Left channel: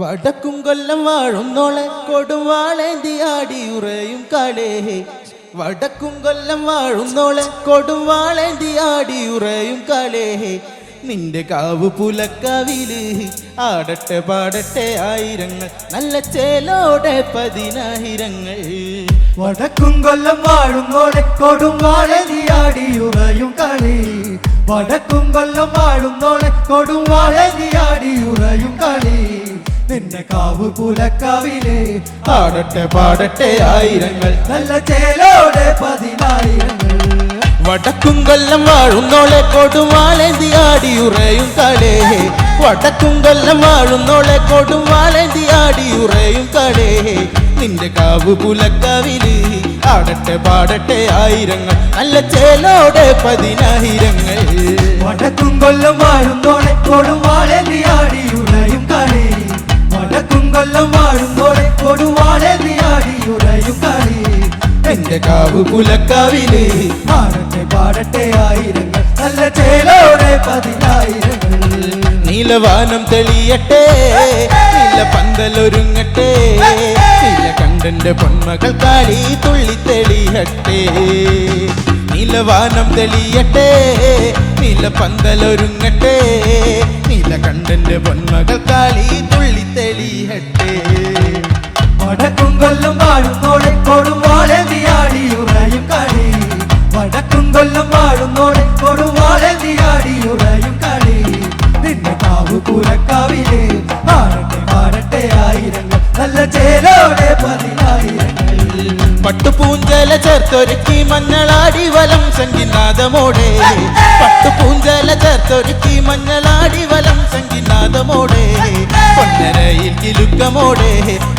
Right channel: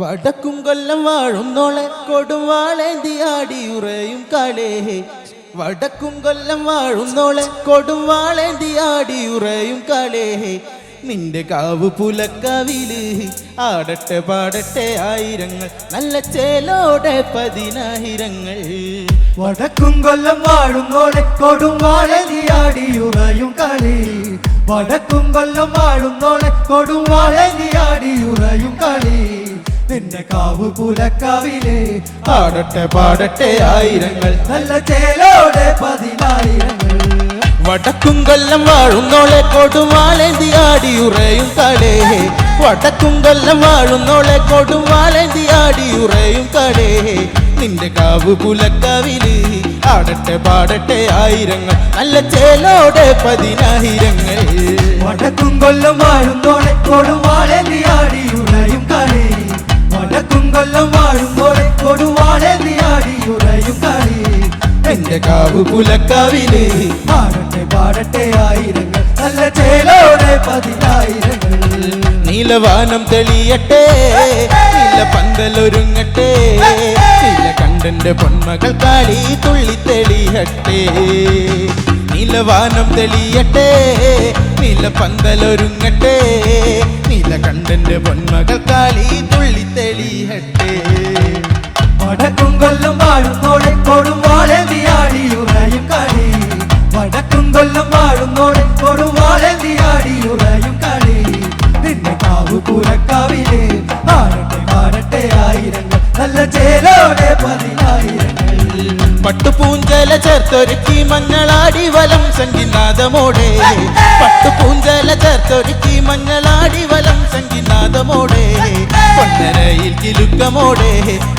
വടക്കും കൊല്ലം വാഴുന്നോളെ കൊടുവാളേന്തി ആടിയുറയും കാലേ. വടക്കും കൊല്ലം വാഴുന്നോളെ കൊടുവാളേന്തി ആടിയുറയും കാലേ. നിന്റെ കാവു പുലക്കവില് ആടട്ടെ പാടട്ടെ ആയിരങ്ങൾ, നല്ല ചേലോടെ 10,000. വടക്കും കൊല്ലം വാഴുന്നോളെ കൊടുവാളേന്തി ആടിയുറയും കാലേ. വടക്കും കൊല്ലം വാഴുന്നോളെ കൊടുവാളേന്തി ആടിയുറയും കാലേ. നിന്റെ കാവു പുലക്കാവില് ആടട്ടെ പാടട്ടെ ആയിരങ്ങൾ, നല്ല ചേലോടെ 10,000. വടക്കും കൊല്ലം വാഴുന്നോളെ കൊടുവാളേന്തി ആടിയുറയും കാലേ. വടക്കും കൊല്ലം വാഴുന്നോളെ കൊടുവാളേന്തി ആടിയുറയും കാലേ. നിന്റെ കാവു പുലക്കവില് ആടട്ടെ പാടട്ടെ ആയിരങ്ങൾ, നല്ല ചേലോടെ 10,000. വടക്കും കൊല്ലം വാഴുന്നോളെ കൊടുവാളേന്തി ആടിയുറയും കാലേ. വടക്കും കൊല്ലം വാഴുന്നോളെ കൊടുവാളേന്തി ആടിയുറയും കാലേ. എന്റെ കാവു പുലക്കവില് ആടട്ടെ പാടട്ടെ ആയിരങ്ങൾ, നല്ല ചേലോടെ 10,000. നീലവാനം തെളിയട്ടെ, നീല പന്തലൊരുങ്ങട്ടെ, നീല കണ്ടന്റെ പൊന്മകൾ കാളി തുള്ളി തെളിയട്ടെ. നീലവാനം തെളിയട്ടെ, നീല പന്തലൊരുങ്ങട്ടെ, നീല കണ്ടന്റെ പൊന്മകൾ കാളി തുള്ളി തെളിയട്ടെ. വടക്കും കൊല്ലം വാഴുന്നോളെ കൊടുവാളേന്തി ആടിയുറയും കാലേ. വടക്കും കൊല്ലം വാഴുന്നോളെ കൊടുവാളേന്തി ആടിയുറയും കാലേ. നിന്റെ കാവു പുലക്കാവില് ആടട്ടെ പാടട്ടെ ആയിരങ്ങൾ, നല്ല ചേലോടെ 10,000. പട്ടുപൂഞ്ചല ചേർത്തൊരുക്കി മഞ്ഞളാടി വലം സംഗീനാദമോടെ. പട്ടുപൂഞ്ചല ചേർത്തൊരുക്കി മഞ്ഞളാടി വലം സംഗീനാദമോടെ. പൊന്നരയിൽ കിലുക്കമോടെ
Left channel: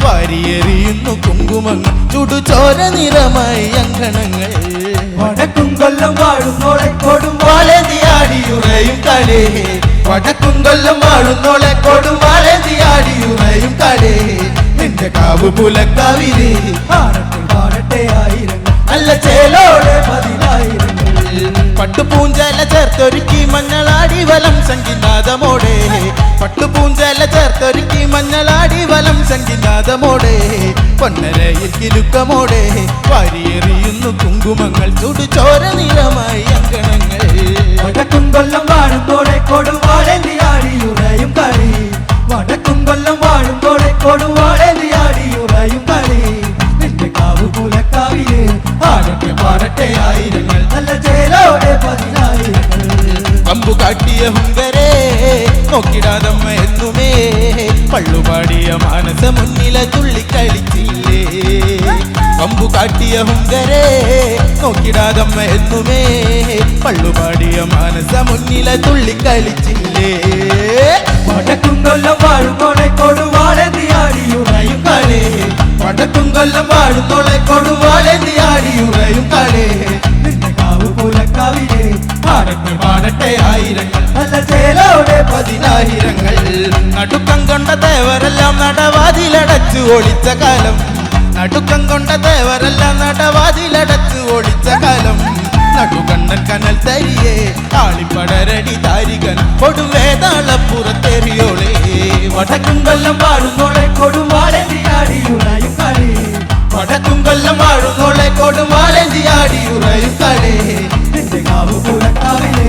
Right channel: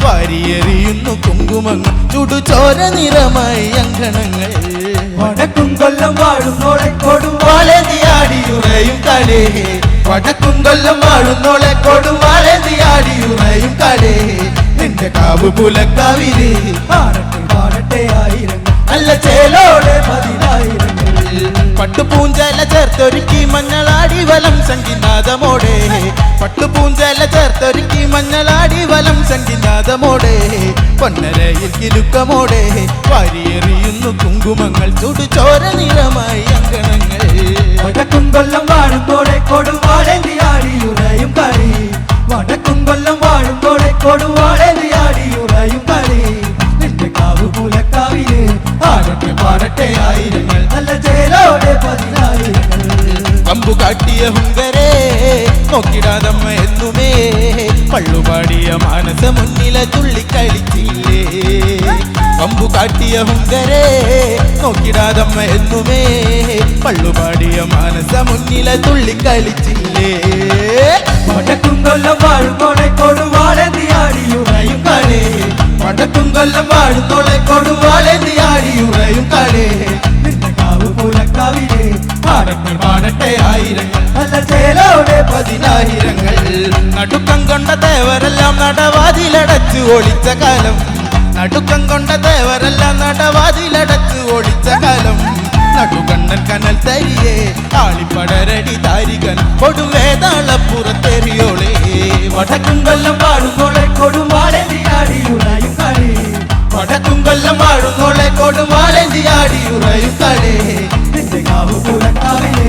വാരിയെറിയുന്നു കുങ്കുമങ്ങൾ, ചുടുചോര നിറമായി അങ്കണങ്ങൾ. വടക്കും കൊല്ലം വാഴുന്നോളെ കൊടുവാളേന്തി ആടിയുറയും കാലേ. വടക്കും കൊല്ലം വാഴുന്നോളെ കൊടുവാളേന്തി ആടിയുറയും കാലേ. നിന്റെ കാവു പുലക്കാവില് ആടട്ടെ പാടട്ടെ ആയിരങ്ങൾ, നല്ല ചേലോടെ 10,000. പട്ടുപൂഞ്ചല ചേർത്തൊരുക്കി മഞ്ഞളാടി വലം സംഗീനാദമോടെ. പട്ടുപൂഞ്ചല ചേർത്തൊരുക്കി മഞ്ഞളാടി വലം സംഗീനാദമോടെ. പൊന്നരയിൽ കിലുക്കമോടെ വാരിയെറിയുന്നു കുങ്കുമങ്ങൾ, ചുടുചോര നിറമായി അങ്കണങ്ങൾ. വടക്കും കൊല്ലം വാഴുന്നോളെ കൊടുവാളേന്തി ആടിയുറയും കാലേ. വടക്കും കൊല്ലം വാഴുന്നോളെ കൊടുവാളേന്തി ആടിയുറയും കാലേ. നിന്റെ കാവു പുലക്കാവില് ആടട്ടെ പാടട്ടെ ആയിരങ്ങൾ, നല്ല ചേലോടെ 10,000. അമ്പു കാട്ടിയ ഹുങ്കരേ നോക്കിടാതമ്മ എന്നുമേ, പള്ളുപാടിയ മാനസ മുന്നിലെ തുള്ളിക്കളിച്ചില്ലേ. അമ്പു കാട്ടിയ ഹുങ്കരേ നോക്കിടാതമ്മ എന്നുമേ, പള്ളുപാടിയ മാനസ മുന്നിലെ തുള്ളിക്കളിച്ചില്ലേ. വടക്കും കൊല്ലം വാഴുന്നോളെ കൊടുവാളേന്തി ആടിയുറയും കാലേ. വടക്കും കൊല്ലം വാഴുന്നോളെ കൊടുവാളേന്തി ആടിയുറയും കാലേ. നിന്റെ കാവു പുലക്കാവില് പാടട്ടെ പാടട്ടെ ആയിരങ്ങൾ, നല്ല ചേലോടെ 10,000. നടുക്കം കൊണ്ട തേവരെല്ലാം നടവാതിലടച്ചു ഓടിച്ച കാലം. നടുക്കം കൊണ്ട തേവരെല്ലാം നടവാതിലടച്ചു ഓടിച്ച കാലം. നടുകണ്ണൻ കനൽ തരിയേ ആളിപ്പടരടി താരികൻ കൊടുവേതാളപ്പുറത്തെറിയോളെ. വടക്കും കൊല്ലം വാഴുന്നോളെ കൊടുവാളേന്തി ആടിയുറയും കാലേ. വടക്കും കൊല്ലം വാഴുന്നോളെ കൊടുവാളേന്തി ആടിയുറയും കാലേ. നിന്റെ കാവു പുലക്കാവില്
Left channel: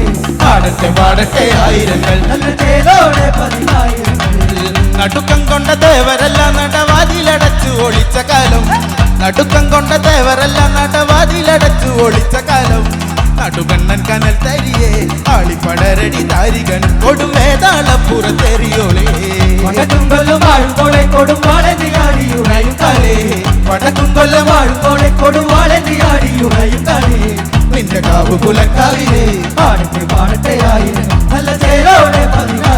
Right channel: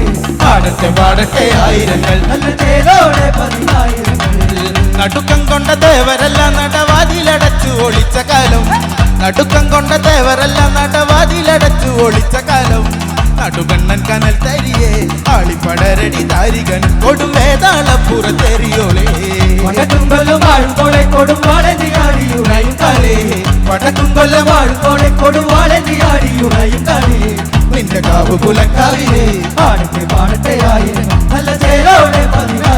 ആടട്ടെ പാടട്ടെ ആയിരങ്ങൾ, നല്ല ചേലോടെ 10,000. നടുക്കം കൊണ്ട തേവരെല്ലാം നടവാതിലടച്ചു ഓടിച്ച കാലം. നടുക്കം കൊണ്ട തേവരെല്ലാം നടവാതിലടച്ചു ഓടിച്ച കാലം. നടുകണ്ണൻ കനൽ തരിയേ ആളിപ്പടരടി താരികൻ കൊടുമേതാളപ്പുറത്തെറിയോളെ. വടക്കും കൊല്ലം വാഴുന്നോളെ കൊടുവാളേന്തി ആടിയുറയും കാലേ. വടക്കും കൊല്ലം വാഴുന്നോളെ കൊടുവാളേന്തി ആടിയുറയും കാലേ. നിന്റെ കാവു പുലക്കാവിലെ ആടട്ടെ പാടട്ടെ ആയിരങ്ങൾ, നല്ല ചേലോടെ 10,000.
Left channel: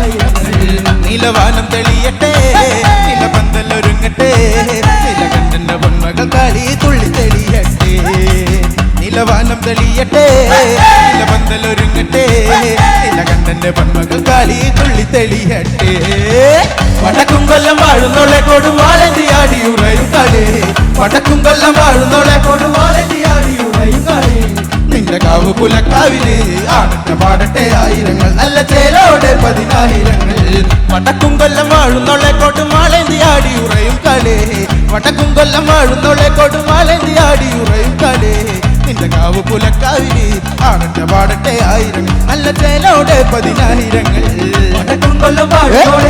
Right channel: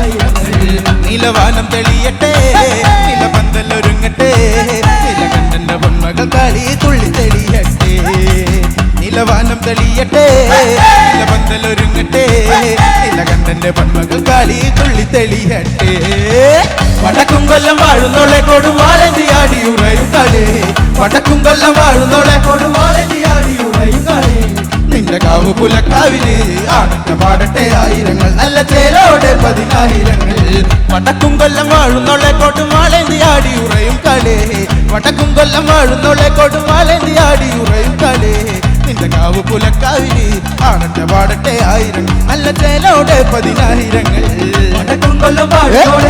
മൂലക്കാവില് ആടട്ടെ പാടട്ടെ ആയിരങ്ങൾ നല്ല ചേലോടെ 10,000 കൊല്ലം വാഴും